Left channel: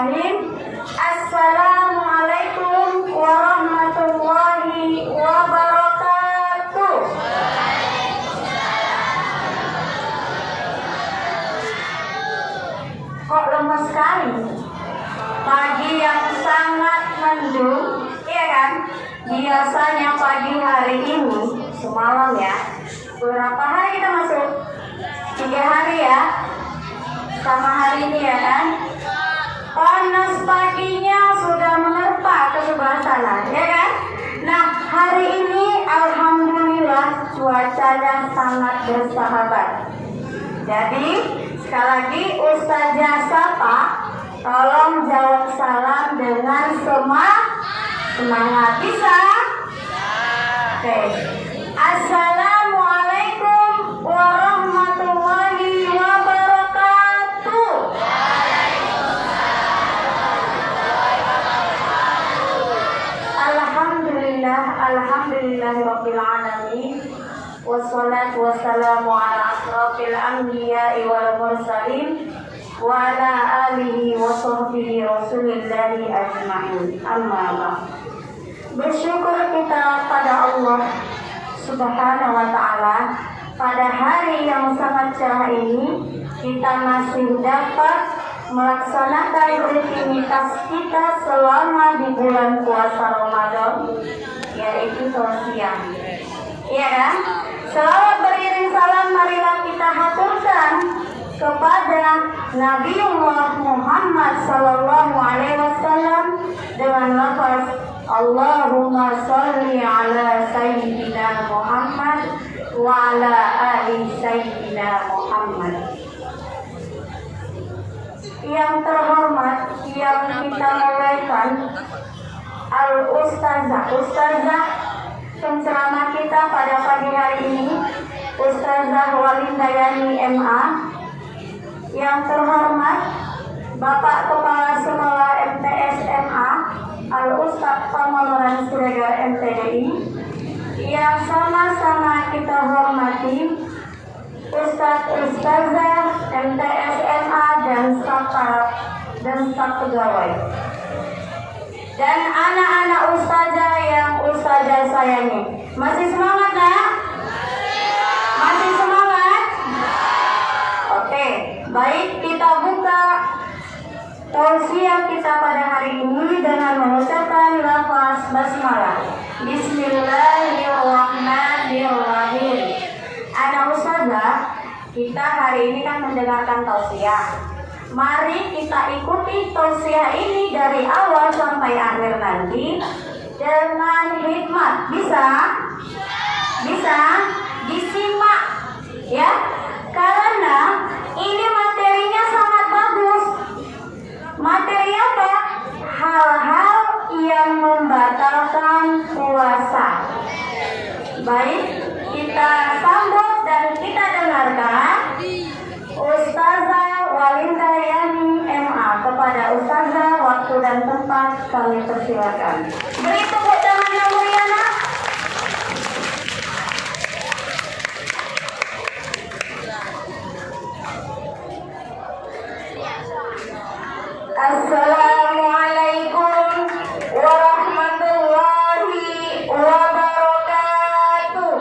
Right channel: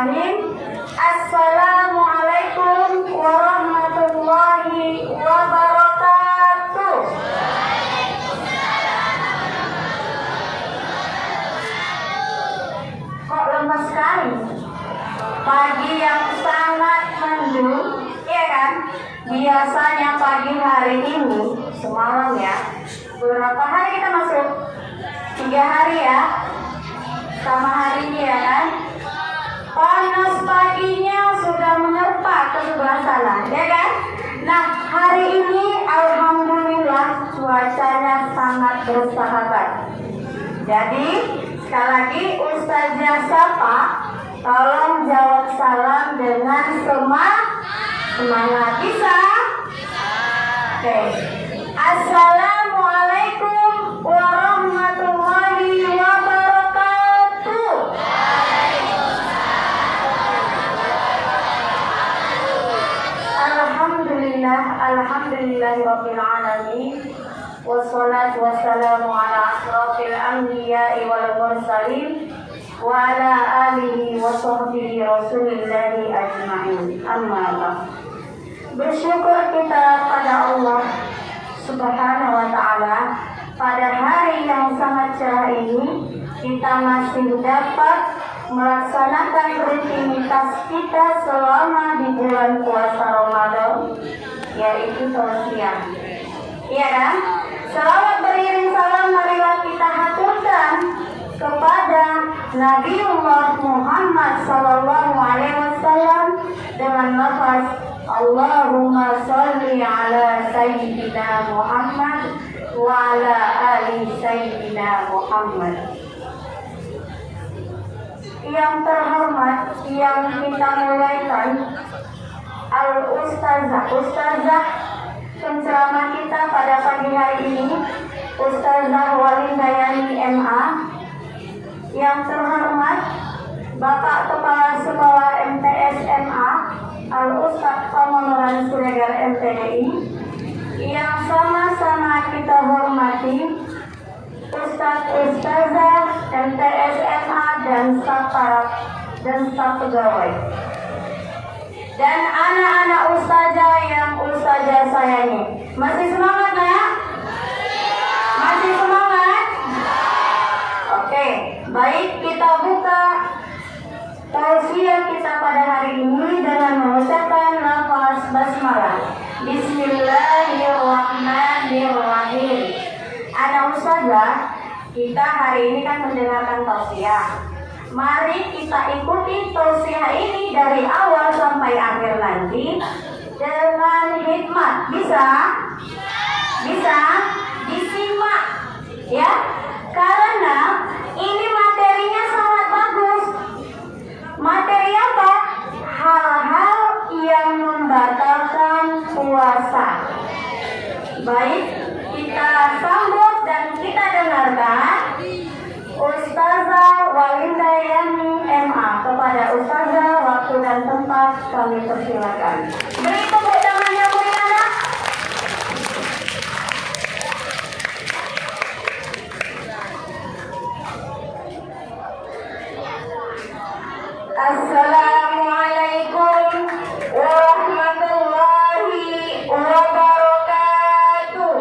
Bismillahirrahmanirrahim. Assalamualaikum warahmatullahi wabarakatuh. Kok lemes sekali? Pagi yang sangat mendung, ya kan? Biasanya pagi hari ini, semalam ya. Berapa hari kita masuk? 3 hari ya. Sama hari ini ya kan? Panas paginya sudah menerpa ke sebelah sana, ya kan? Nah, hari ini alhamdulillah cuacanya sangat bersahabat. Jadi, sekali lagi Ustazah Sapa, tolong jawab salam dengan semangat. Bisa? Oke. Assalamualaikum warahmatullahi wabarakatuh. Alhamdulillahirabbil alamin. Wassalatu wassalamu ala asrofil anbiya'i wal mursalin wa ala alihi wa sahbihi rasulillahi ajma'in. Amma ba'd. Bersyukur kita pada Allah Subhanahu wa ta'ala, pada hari yang sangat cerah ini kita masih dapat melaksanakan rutinitas kita selama di bulan puasa Ramadan, yaitu tausiah. Iya kan? Selawat beriring salam marilah kita haturkan kepada Nabiullah Muhammad sallallahu alaihi wasallam dengan lafaz Allahumma sholli ala sayyidina Muhammad wa ala ali sayyidina Muhammad. Yang terhormat, yang kita mulaikan Ustazah penceramah kita pada pagi hari ini, Ustazah Walindayani MA. Yang terhormat Bapak Kepala Sekolah MTS MA Al-Ustaz Pamonoran Siregar MTDI. Yang sama-sama kita hormati Ustazah MTS MA dan staf pegawai, dan anak-anak ustazah yang ustazah sayangi. Masih semangat nak? Masih semangat? Oke, baik, kita buka tausiah kita pada hari ini dengan mengucapkan lafaz basmalah. Bismillahirrahmanirrahim. Anak ustazah, kita hari ini kan mendengarkan tausiah. Mari kita ikuti tausiah ini dari awal sampai akhir nanti dengan hikmat. Bisa? Bisa? Disimak ya, karena ini materinya sangat bagus. Materi apa? Hal-hal yang membatalkan puasa. Baik, kita sambut dan kita dengarkan Ustazah Walindayani MA. Kepada Ustazah, waktu dan tempat kami persilakan. Beri tepuk tangan yang mulia. Assalamualaikum warahmatullahi wabarakatuh.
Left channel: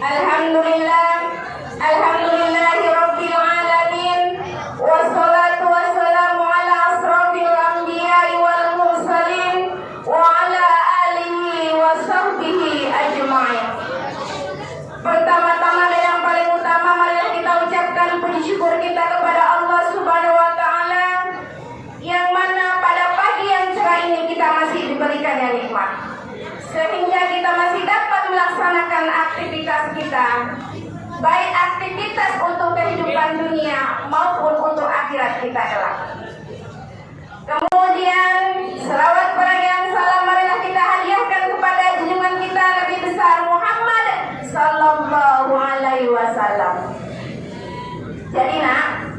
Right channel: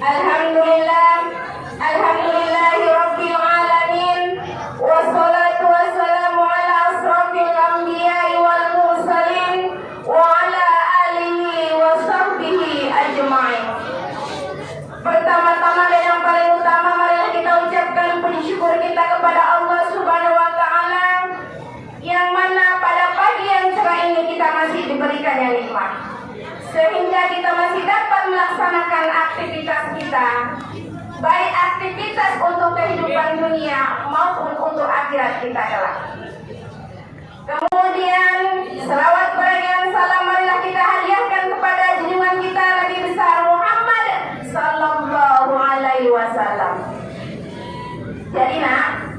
Alhamdulillahirabbil alamin. Wassalatu wassalamu ala asrofil anbiya'i wal mursalin wa ala alihi wa sahbihi ajma'in. Pertama-tama dan yang paling utama, marilah kita ucapkan puji syukur kita kepada Allah Subhanahu wa ta'ala, yang mana pada pagi yang cerah ini kita masih diberikan yang nikmat, sehingga kita masih dapat melaksanakan aktivitas kita, baik aktivitas untuk kehidupan dunia maupun untuk akhirat kita kelak. Kemudian selawat dan salam marilah kita hadiahkan kepada junjungan kita Nabi besar Muhammad sallallahu alaihi wasallam. Jadi nak,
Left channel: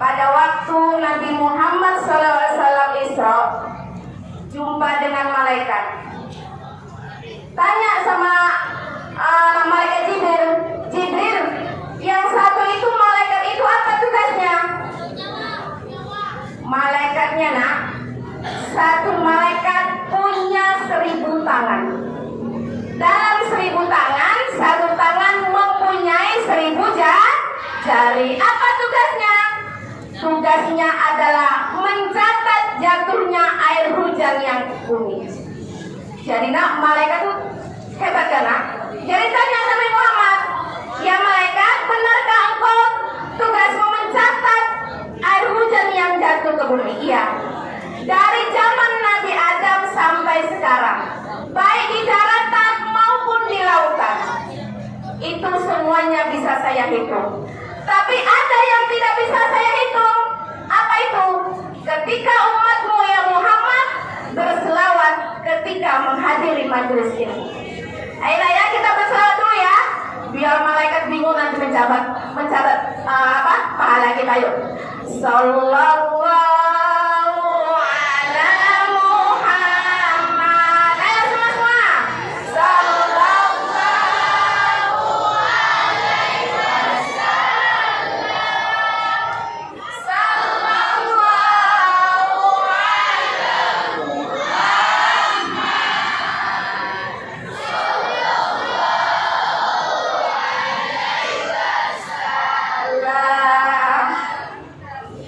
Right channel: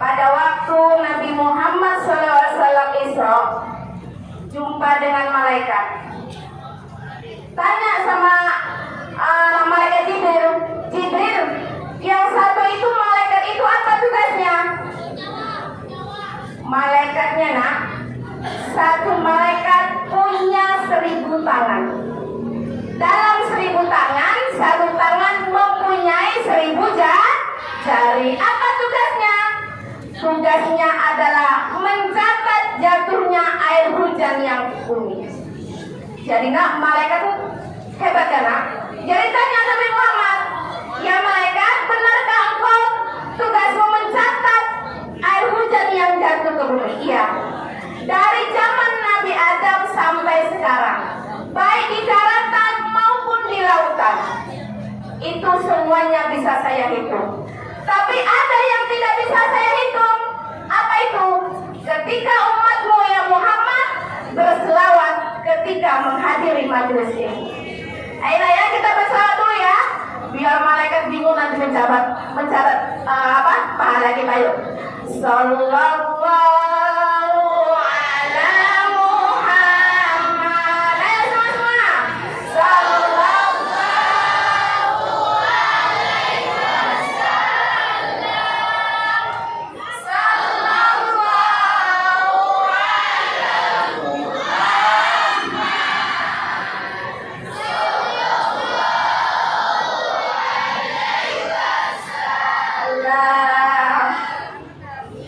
pada waktu Nabi Muhammad sallallahu alaihi wasallam Isra, jumpa dengan malaikat. Tanya sama malaikat Jibril, yang satu itu 1000 jari. Apa tugasnya? Tugasnya adalah mencatat jatuhnya air hujan yang bumi. Jadi nak, malaikat tuh hebat kan nak? Jadi tanya Nabi Muhammad, ya malaikat, benarkah engkau tugasmu mencatat air hujan yang jatuh ke bumi? Iya. Dari zaman Nabi Adam sampai sekarang, baik di daratan maupun di lautan, itu semuanya bisa saya hitung. Tapi ada yang tidak bisa saya hitung. Apa itu? Ketika umatmu ya Muhammad berselawat ketika menghadiri majelis ini. Ayolah ya, kita berselawat dulu ya, biar malaikat bingung nanti mencatat pahala kita. Yuk. Sallallahu ala Muhammad. Ayo semua. Sallallahu alaihi wasallam. Sallallahu ala Muhammad.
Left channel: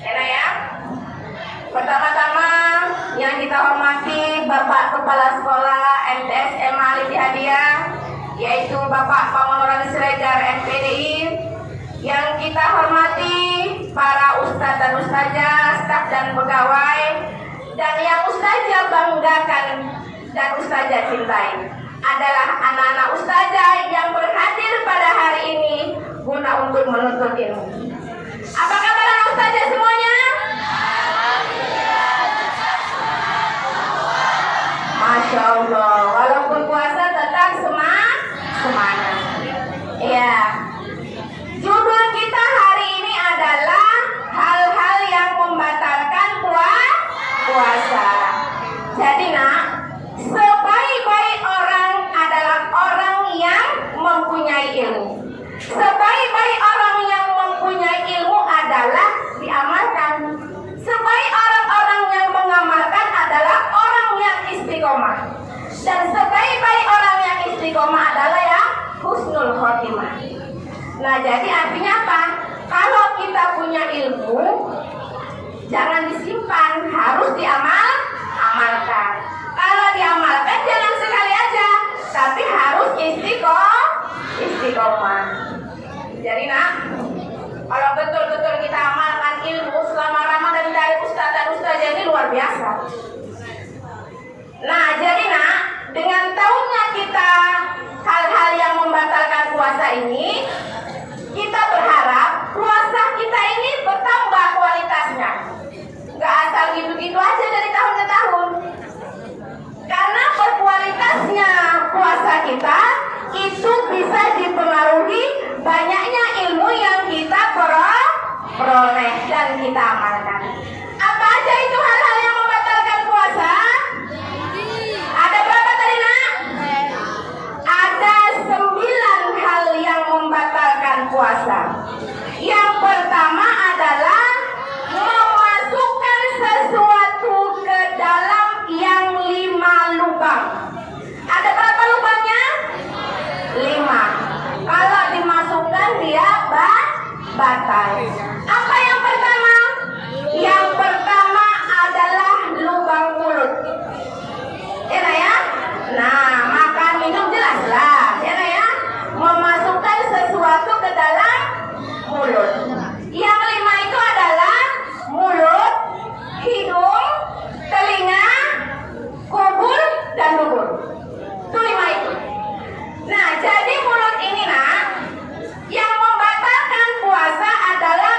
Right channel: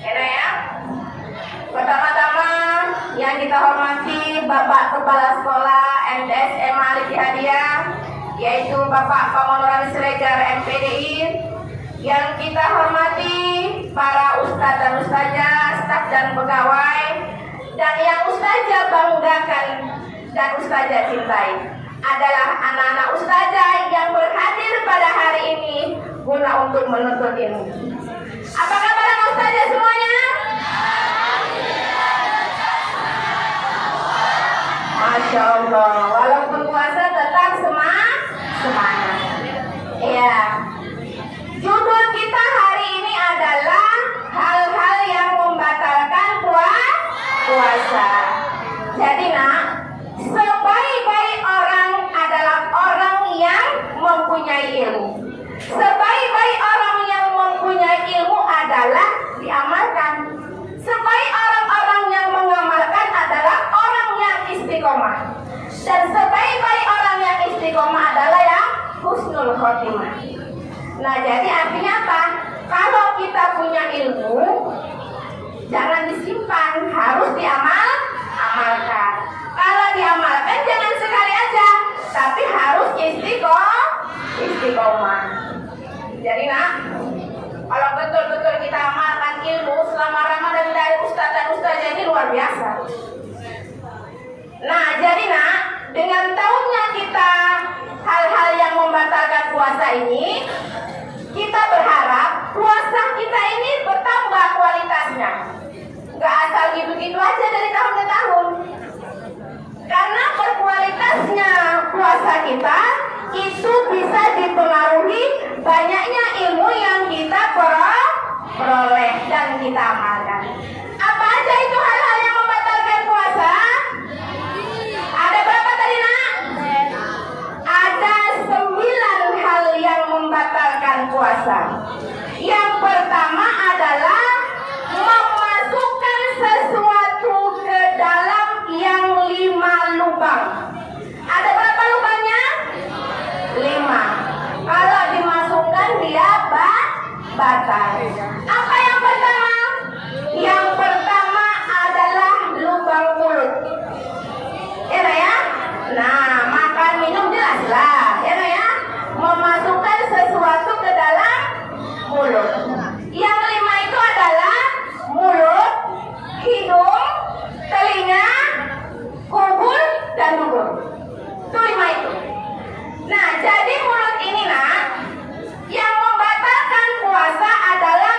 Enak ya? Pertama-tama yang kita hormati Bapak Kepala Sekolah MTS SMA Alif Hadiah, yaitu Bapak Pengelolaan Siregar MPDI. Yang kita hormati para ustadz dan ustazah, staf dan pegawai, dan yang ustazah banggakan dan ustazah cintai adalah anak-anak ustazah yang berhadir pada hari ini guna untuk menuntut ilmu. Apa kabar anak ustazah semuanya? Masya Allah, walaupun puasa tetap semangat. Iya. Judul kita hari ini adalah hal-hal yang membatalkan puasa. Jadi nak, sebaik-baik orang adalah orang yang mempunyai ilmu. Sebaik-baik orang yang mempunyai ilmu adalah diamalkan. Sebaik orang-orang yang mengamalkan adalah orang yang istiqomah. Dan sebaik-baik orang yang istiqomah adalah yang husnul khotimah. Nah, jadi artinya apa? Kalau kita punya ilmu, jangan disimpan, harus diamalkan. Kalau diamalkan jangan sekali aja, tapi harus istiqomah. Jadi nak, kalau betul-betul kita amalkan ilmu selama Ramadan dari ustaz dan ustazah ini luar biasa. Nah, jadi nak, dengan tahunya kita hal-hal yang membatalkan puasa ini, kita berharap puasa kita ini bertambah kualitasnya. Gak asal gitu-gitu aja dari tahun ke tahun. Karena berkualitasnya puasa kita itu bisa dipengaruhi banyaknya ilmu yang kita peroleh dan kita amalkan. Apa aja itu hal-hal yang membatalkan puasa? Ada berapa tadi nak? Ada 9 hal yang membatalkan puasa. Yang pertama adalah memasukkan sesuatu ke dalam yang 5 lubang. Ada berapa lubangnya? 5. Kalau dimasukkan dia batal. Apa yang pertama? Yang pertama adalah lubang mulut. Ya. Nah, makan minum jelas lah. Ya. Memasukkan sesuatu ke dalam mulut. Yang 5 itu adalah mulut, hidung, telinga, kubur, dan dubur. Itu 5 itu. Nah, jadi mulut ini nak, yang membatalkan puasa adalah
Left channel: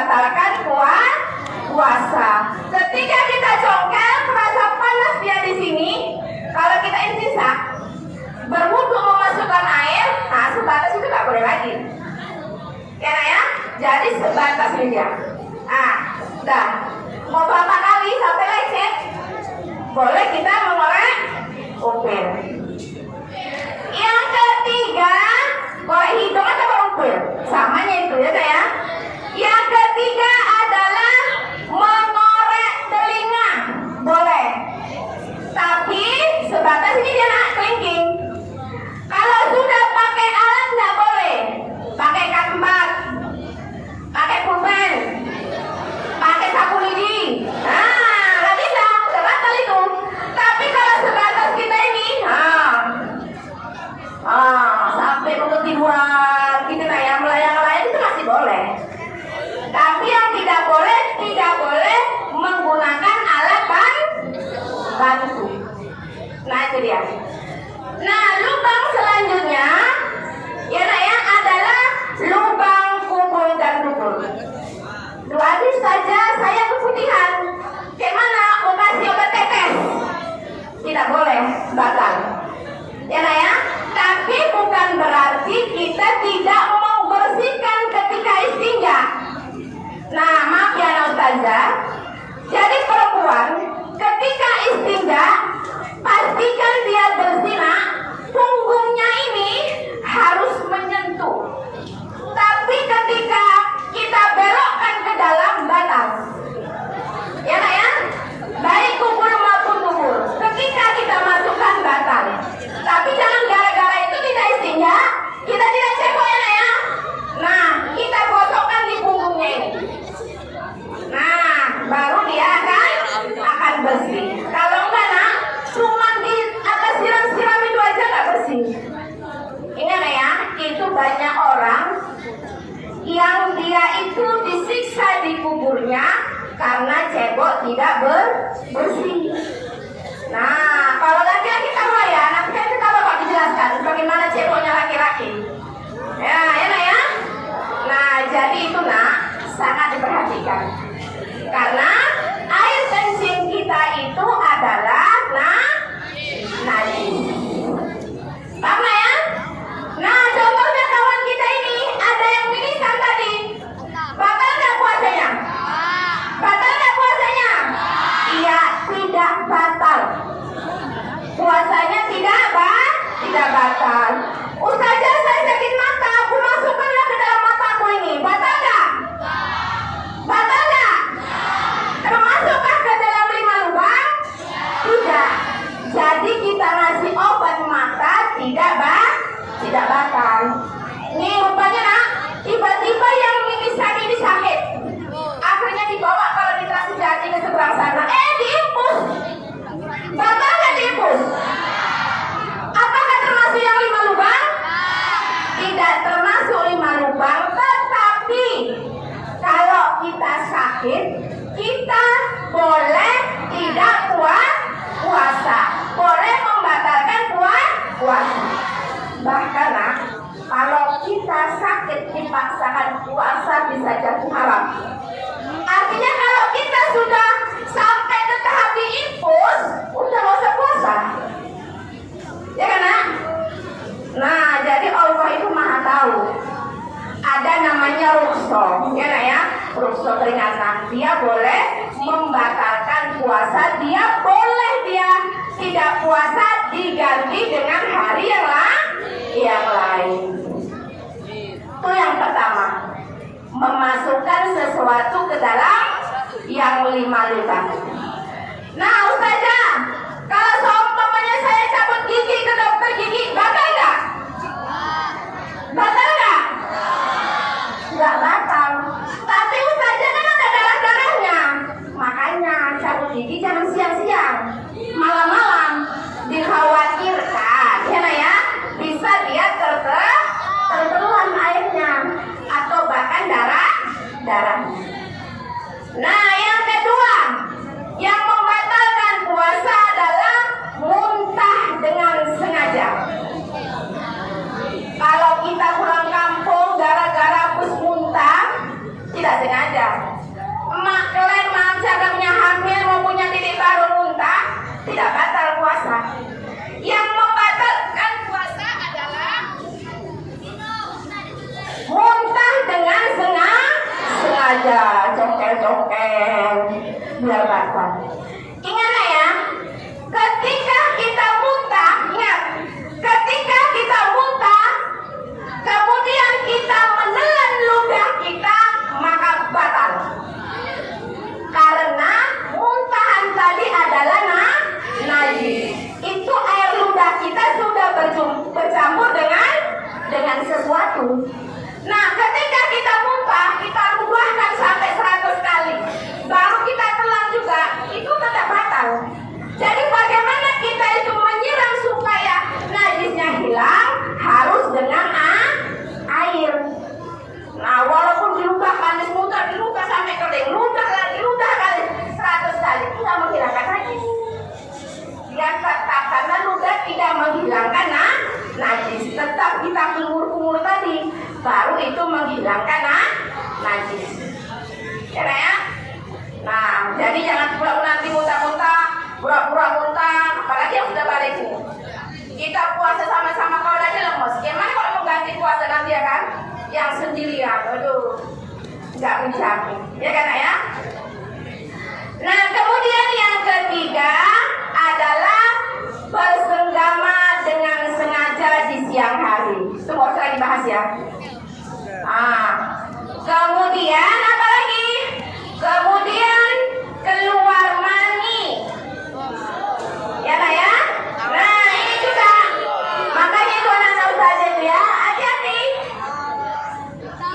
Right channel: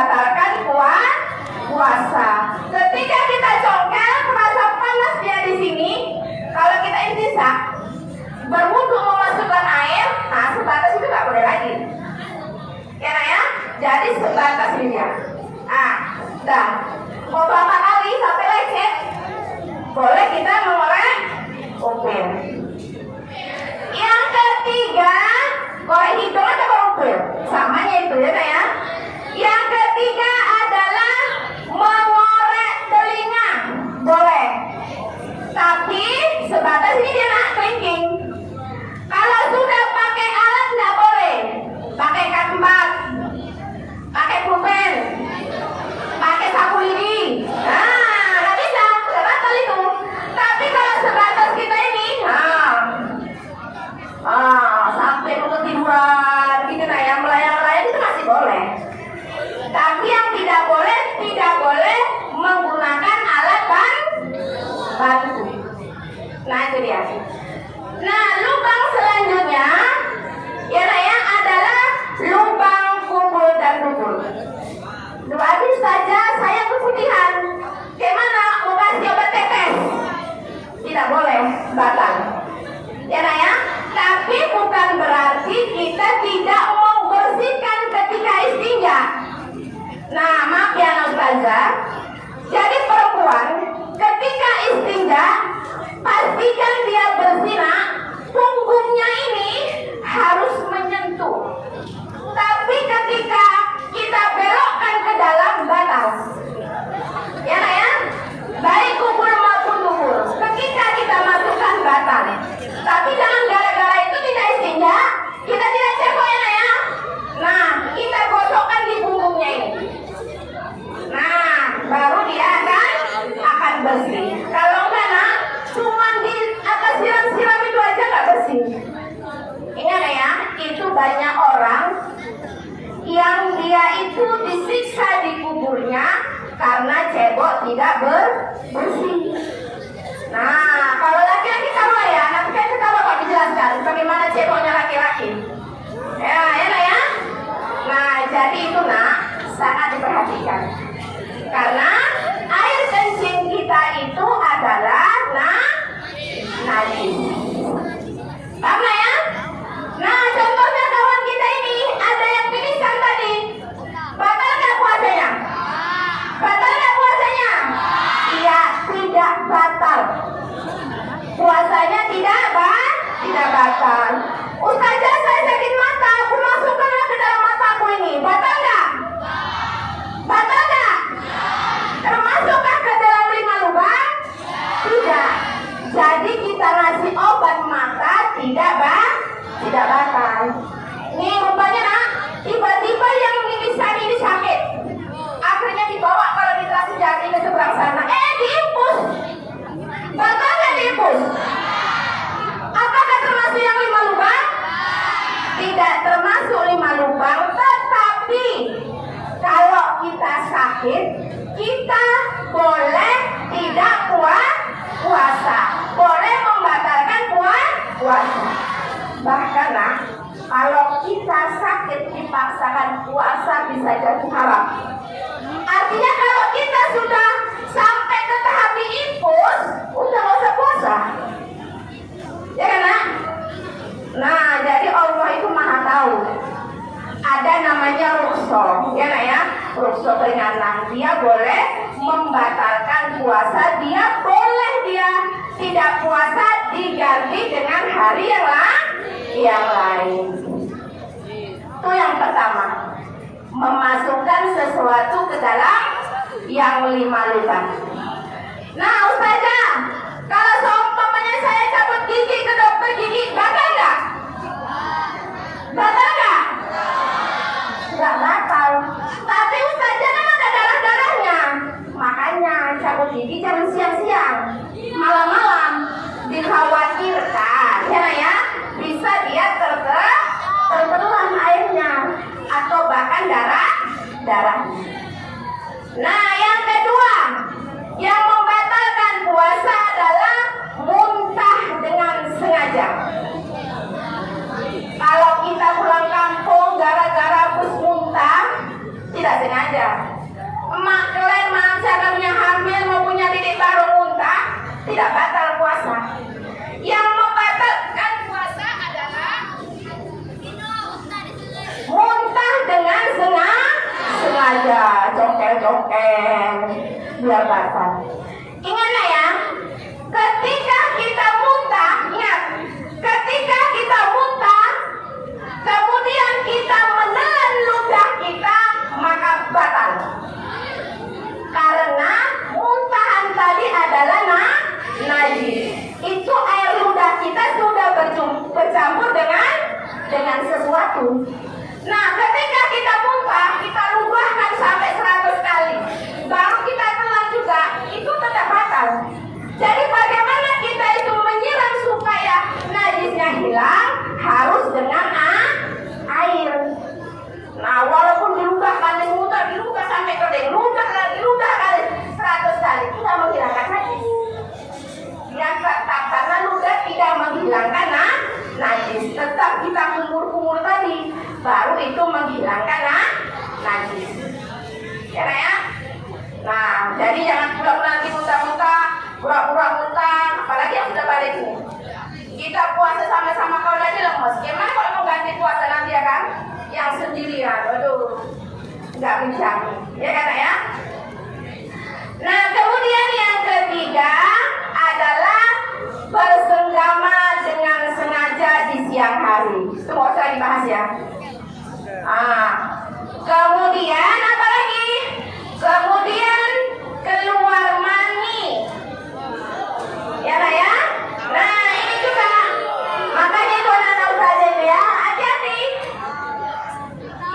membatalkan puasa. Ketika kita congkel, merasa panas dia di sini. Kalau kita istinja, berwudu memasukkan air, nah sebatas itu nggak boleh lagi. Ya, nah ya. Jadi sebatas ini ya. Dah. Mau berapa kali sampai lecet? Boleh kita mengorek upil. Yang ketiga, boleh hitung atau upil? Samanya itu ya. Yang ketiga adalah mengorek telinga. Boleh. Tapi sebatas ini dia nak thinking. Kalau sudah pakai alat nggak boleh. Pakai kampak, pakai pulpen, pakai sapu lidi. Nggak bisa, udah batal itu. Tapi kalau sebatas kita ini, sampai mau tiduran, gitu nah ya, melayang-layang itu masih boleh. Tapi yang tidak boleh menggunakan alat bantu. Nah itu dia. Nah lubang selanjutnya, ya nah ya, adalah lubang kubur dan dubur. Habis saja saya keputihan. Gimana mau kasih obat tetes? Tidak boleh, batal. Ya nah ya. Tapi bukan berarti kita tidak mau bersihkan ketika istinja. Nah maaf ya Ustazah. Jadi perempuan ketika istinja pastikan dia berzina, punggungnya ini harus menyentuh. Tapi ketika kita belokkan ke dalam batal. Ya nak ya? Baik kubur maupun dubur. Ketika kita masukkan batal. Tapi jangan gara-gara itu kita istinja, kita tidak cebok ya nak ya? Nah, kita gosokkan di punggungnya ini. Nah, baru dia akan bersih. Kalau enggak nak, cuma di atas siram-siram itu aja nggak bersih. Ingat ya, itu banyak orang yang dia itu disiksa di kuburnya karena cebok tidak bersih. Nah, kalau laki-laki tahu ya, nanti kita bakal dijelaskan bagaimana ceboknya laki-laki. Ya, enak ya. Nah, jadi itu nak sangat diperhatikan. Karena air kencing kita itu adalah najis. Paham ya? Nah, contohnya kawan kita ini ada yang pingsan tadi. Batal nggak puasanya? Batal nggak puasanya? Iya, tidak batal. Puasanya tidak batal. Ustazah, saya sakit mata, aku masukkanlah ke dalam mataku ini. Batal nggak? Batal nggak? Termasukkah ke dalam 5 lubang? Tidak. Jadi kita ngasih obat mata tidak batal. Nih rupanya nak, tiba-tiba yang mimisan ini sakit. Akhirnya dibawa kalau di Trasijati ke seberang sana. Diimpus. Batal nggak diimpus? Apakah termasuk yang 5 lubang? Tidak termasuk 5 lubang. Tetapi kalau kita sakit, kita boleh tidak puasa. Boleh membatalkan puasa. Bahkan nah, kalau kita sakit dipaksakan puasa bisa jadi haram. Artinya kalau kita sudah sampai ke tahap diimpus, udah nggak usah puasa. Ya kan nak? Nah, jadi Allah itu maha tahu. Ada namanya rukso, ya nak ya? Rukso peringatan. Dia boleh membatalkan puasa, dia boleh dia tidak puasa diganti dengan hari yang lain. Itu yang pertama. Memasukkan sesuatu ke dalam yang 5 lubang. Nah, Ustazah, kalau seumpamanya saya cabut gigi ke dokter gigi, batal nggak? Batal nggak? Nggak batal. Tapi Ustazah kan ada darah-darahnya. Makanya cabut gigi jangan siang-siang, malam-malam. Dikhawatirkan, ya, bisa dia tertelan airnya atau bahkan darah. Nah, yang kedua, yang membatalkan puasa adalah muntah dengan sengaja. Kalau kita pulang kampung gara-gara bus muntah, tidak sengaja. aja, cokel-cokel, biar batal. Ingat ya, ketika kita muntah, ingat, ketika kita muntah, kemudian kita menelan ludah kita, maka batal. Karena muntahan tadi adalah najis. Itu air ludah kita sudah bercampur dengan sesuatu. Nah, ketika kita muntah, kita luahkan sampai 100 kali, baru kita telan juga, itu tetap batal. Jadi bagaimana kita itu menyiram supaya najisnya hilang? Harus dengan air. Nah, walaupun diluahkan, diludah sampai kering, ludah kali 100 kali, tidak menghilangkan najis. Yang tetap karena ludah tidak menghilangkan najis, tetap kita kumur-kumur tadi, baru itu menghilangkan najis. Ya? Nah, jadi jangan pura-pura nanti muntah-muntah, pura-pura muntah, apalagi yang sudah balik nih. Kita puasa sama-sama kalau lagi lemes. Gimana kalau mengganti puasa nanti ya kan? Yang sendirian, aduh, nggak bisa. Ya kan ya? Nah, kemudian yang ketiga adalah bersenggama dengan sengaja di siang hari. Itu mau saya dibahas ya. Kemudian apa lagi? Kemudian keluar mani. Ya lah ya. Nah, ini juga. Makanya itu anak-anak saja itu ya, hati-hati.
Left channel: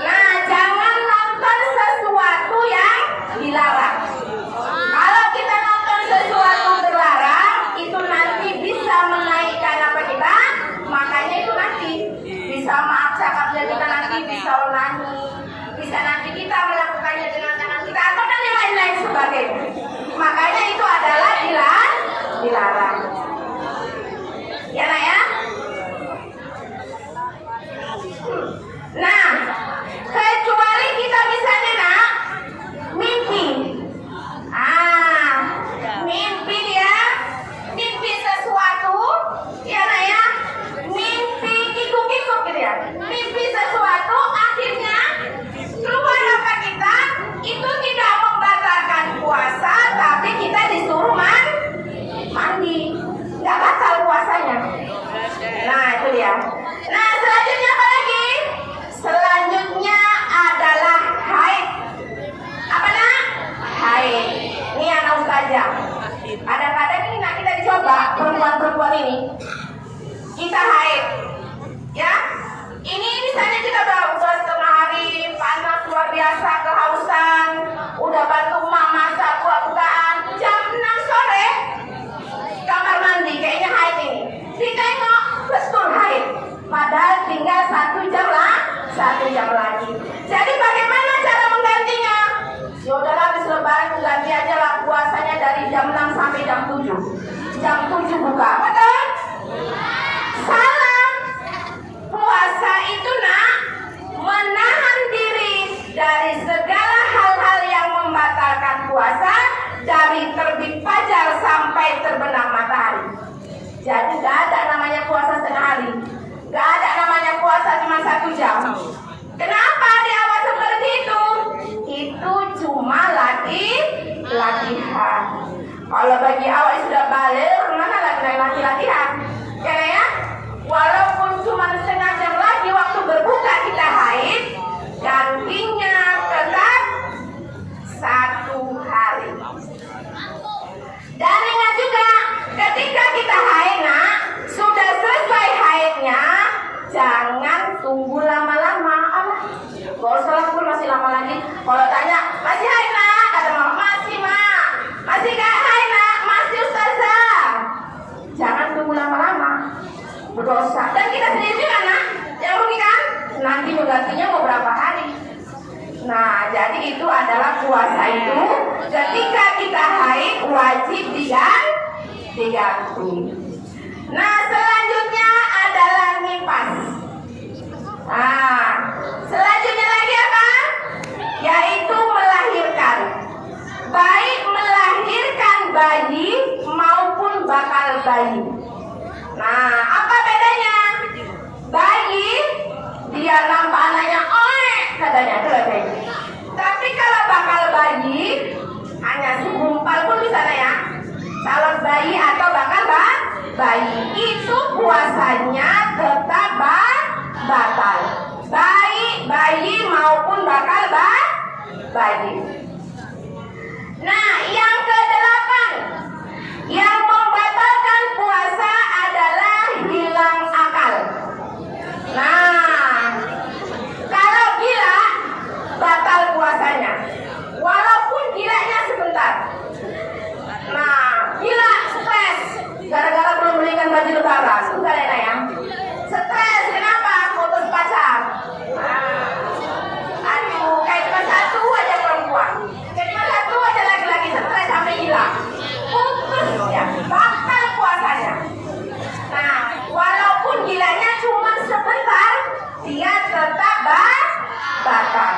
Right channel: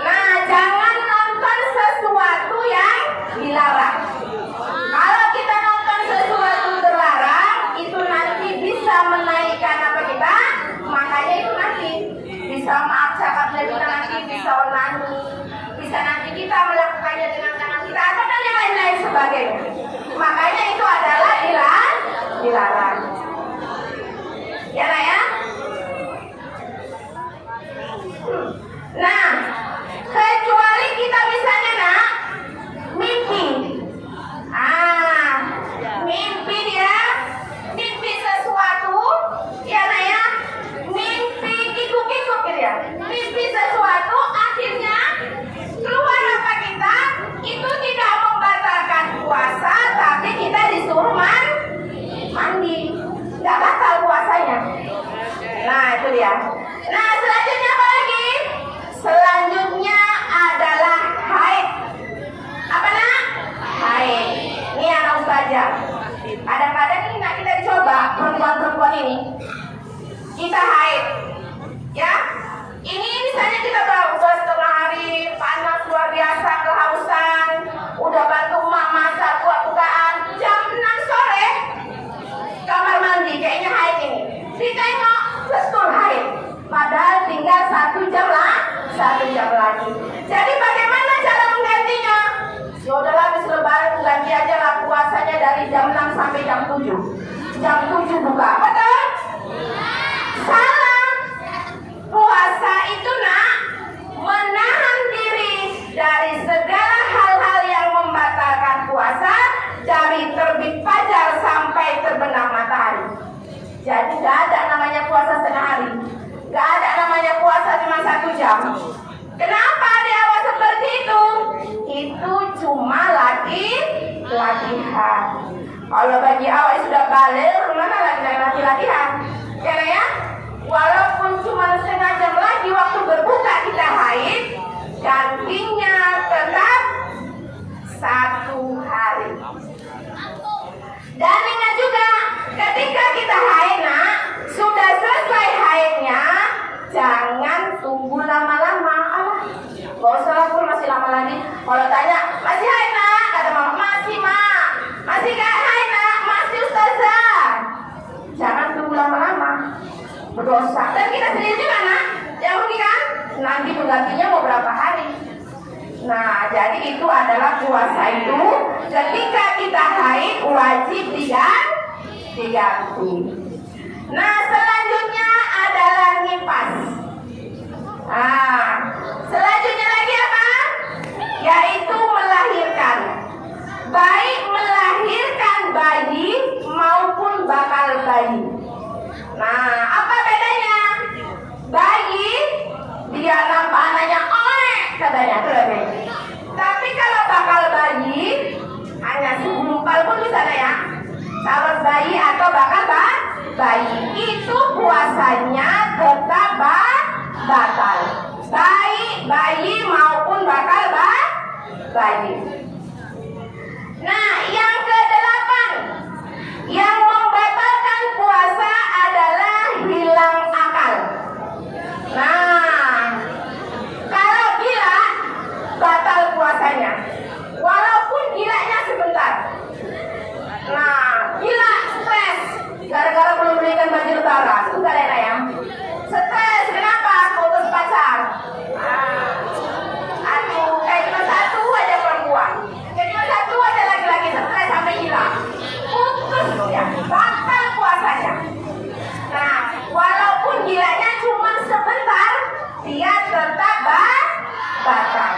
Nah, jangan nonton sesuatu yang dilarang. Kalau kita nonton sesuatu terlarang, itu nanti bisa menaikkan apa kita? Makanya itu nanti bisa cakapnya kita nanti bisa onani, bisa nanti kita melakukannya dengan tangan kita atau dan yang lain-lain sebagainya. Makanya itu adalah dilarang. Ya nak ya? Nah, kecuali kita misalnya nak mimpi. Mimpi dia, mimpi sesuatu, ya nak ya, mimpi kikuk-kikuk gitu ya, mimpi sesuatu, akhirnya keluar apa kita, itu tidak membatalkan puasa, tapi kita disuruh mandi, nggak batal puasanya. Nah itu dia. Nah selanjutnya apa lagi? Selanjutnya adalah haid. Apa nak? Haid. Ini anak ustazah. Kadang-kadang ini nak kita coba perempuan-perempuan ini. Kita haid, ya. Ini misalnya kita udah setengah hari panas luar biasa, kehausan, udah bantu emak masak buah-buahan, jam 6 sore kamar mandi kayaknya haid ini. Ditengok betul haid, padahal tinggal 1 jam lagi. Jadi bagaimana cara menggantinya? Ya udahlah habis lebaran ganti aja lah puasanya dari jam 6 sampai jam 7. Jam 7 buka, betul? Salah. Puasa itu nak menahan diri dari segala hal-hal yang membatalkan puasa, dari terbit fajar sampai terbenam matahari. Jadi gak ada namanya puasa setengah hari, gak ada namanya puasa cuma 1 jam. Kenapa di awal seperti itu? Itu cuma latihan. Kalau bagi awal sudah balik, mana latihan? Ya? Walaupun cuma setengah jam lagi waktu berbuka kita haid, gantinya tetap 1 hari. Dan ingat juga, ketika kita haid, sudah selesai haidnya, jangan tunggu lama-lama. Gak usah lah pun masih lama lagi. Kalau tanya, masih haid nak? Kata mama, masih mak. Masih gak haid nak? Masih ustazah. Jangan tunggu lama-lama, berdosa. Dan kita sendiri juga nak, yang rugi kan? Nanti menggantinya mau berapa hari. Nah, jadi itu adalah puasa itu ketika kita haid wajib diganti. Nah, selanjutnya adalah nifas. Nah, selanjutnya lagi apa? Yaitu melahirkan. Baik melahirkan bayi maupun bakal bayi. Nah, apa bedanya? Bayi dia nampak anaknya katanya tuh. Tapi kalau bayi itu puasanya tetap batal. Baik bayi maupun bakal bayi. Nah, yang kedelapan, yang membatalkan puasa adalah hilang akal. Nah, kalau gila batal puasanya, walaupun gilanya sebentar. Nah, gila stres gara-gara belum belikan baju lebaran, enggak ada ya? Stres kenapa? Putus pacar. Aduh, kayak cuma satu aja perempuan, kayak cuma satu aja laki-laki stres sampai gila. Putus ya, batal puasanya. Nah, walaupun gilanya cuma sebentar, dia tetap batal.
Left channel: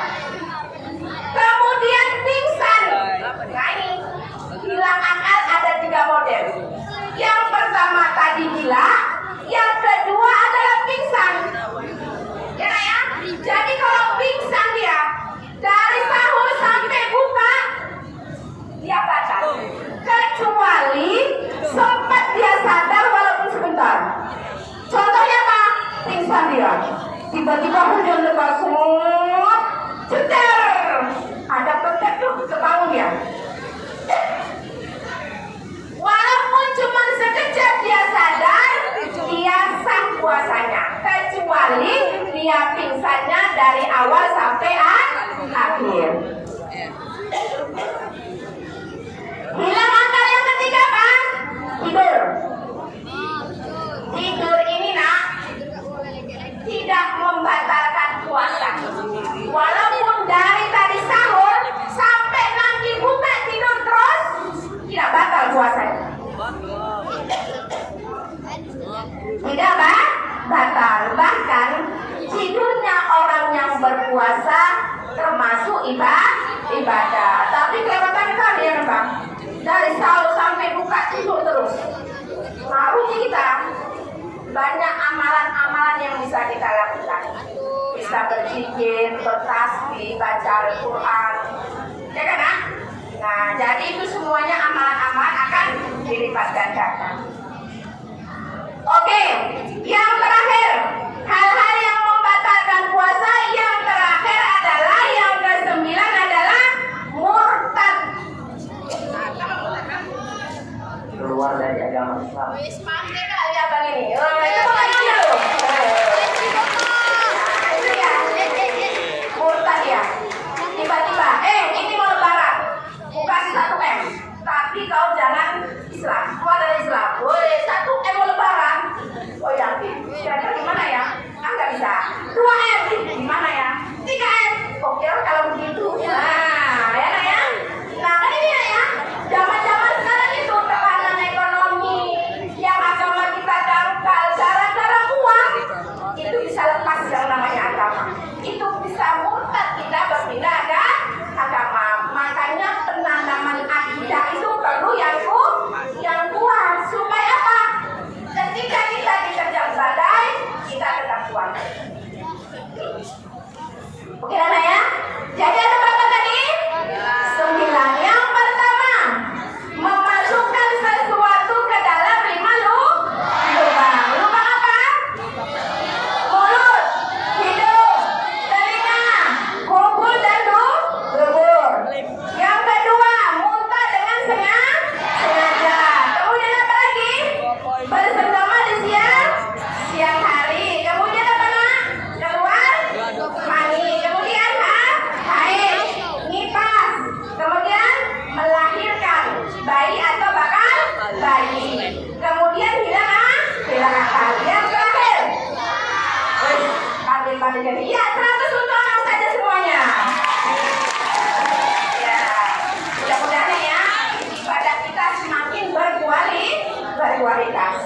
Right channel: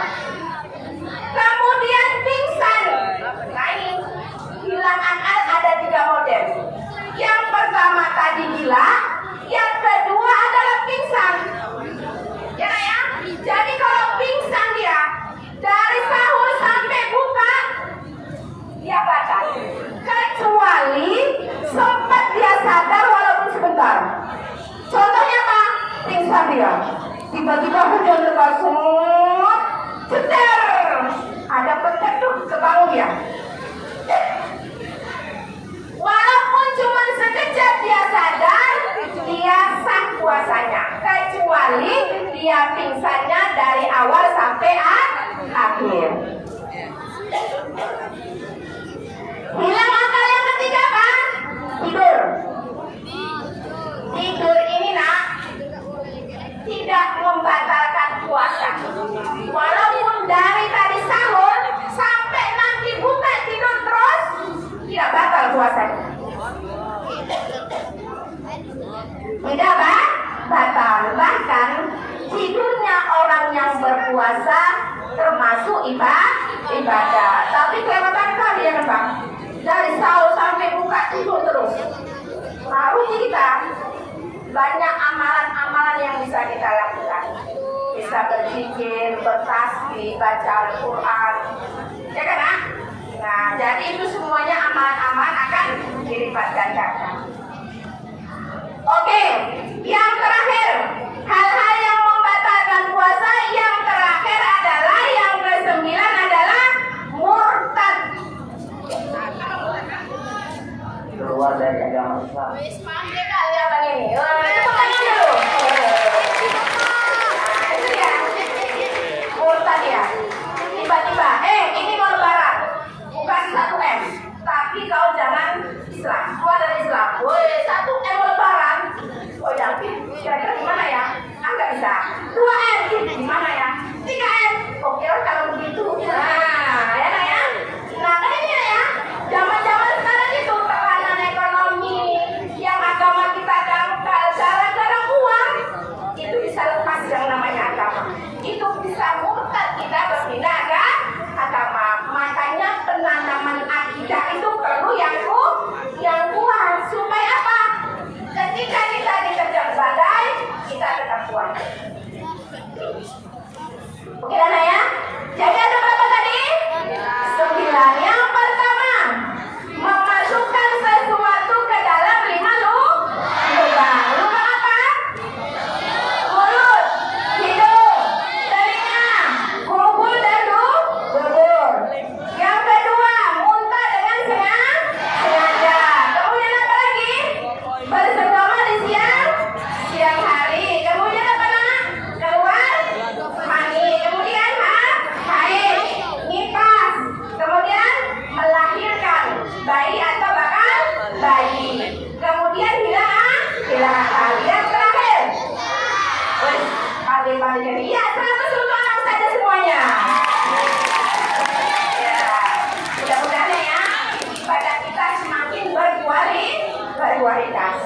Kemudian pingsan. Nah, ini hilang akal ada 3 model. Yang pertama tadi gila, yang kedua adalah pingsan. Ya ya. Jadi kalau pingsan dia dari sahur sampai buka dia batal. Kecuali sempat dia sadar walaupun sebentar. Contohnya apa? Pingsan dia. Tiba-tiba hujan lebat semut, cetar. Ada pencet tuh kebangun dia. Walaupun cuma sekejap dia sadar, dia sah puasanya. Kecuali dia pingsannya dari awal sampai akhir. Hilang akal yang ketiga apa? Tidur. Tidur ini nak tidak membatalkan puasa. Walaupun dari tadi sahur sampai nanti buka tidur terus, tidak batal puasanya. Tidak batal. Bahkan tidurnya orang yang berpuasa termasuk ibadah. Tapi kelewatan kalian Bang. Dari sahur sampai buka tidur terus. Harus kita banyak amalan-amalan yang bisa kita lakukan. Bisa berzikir, bertasbih, baca Al-Quran, ya kan? Nah, jadi itu semuanya amalan-amalan akan dilipat gandakan. Oke, yang terakhir, hal-hal yang membatalkan puasa. Yang terakhir adalah yang ke-9 adalah murtad. Keluar dari agama Islam. Murtad ya. Tiba-tiba, ini mau lebaran, bukan 1M, tapi kau jangan Islam, keluar dari Islam. Boleh 1M mau lebaran. Oh yakin, kira-kira gimana ya? Nggak bisa. 2M, gimana ya? 3M, oke kalau begitu. Nah, ya. Nah, ini ya, zaman-zaman sekarang itu tekanan ekonomi, yang agama kita dangkal, gara-gara uang, itu bisa lepas yang namanya agama. Itu bisa murtad, kita berpindah agama. Makanya penanaman akidah itu perlu yang kuat. Supaya apa? Ketika kita diterjang badai, kita tetap kuat. Oke anak ya? Jadi ada berapa tadi? 9. Yang pertama, memasukkan sesuatu ke dalam 5 lubang. Lubang apa? Mulut, hidung, telinga, kubur dan dubur. Yang kedua, muntah dengan sengaja. Kemudian apa lagi? Bersenggama di siang hari. Kemudian apa nak? Keluar mani. Kemudian haid, nifas. Kemudian melahirkan bayi atau bakal bayi. Kemudian hilang akal. Yang terakhir, pandai-pandai jadi. Ya, 100 lubang saja semuanya. Ya, mudah-mudahan ya ibadah kita semakin berkualitas.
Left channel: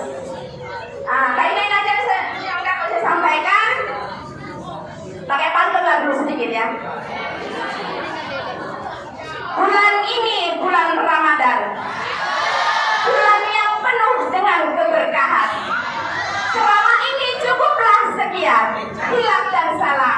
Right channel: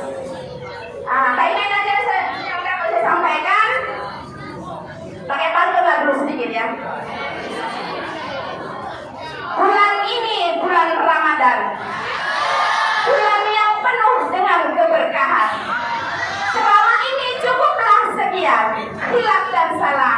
Baiknya nanti yang dapat saya sampaikan, pakai pantun dulu sedikit ya. Bulan ini bulan Ramadan, bulan yang penuh dengan keberkahan. Selama ini cukuplah sekian, hilaf dan salah.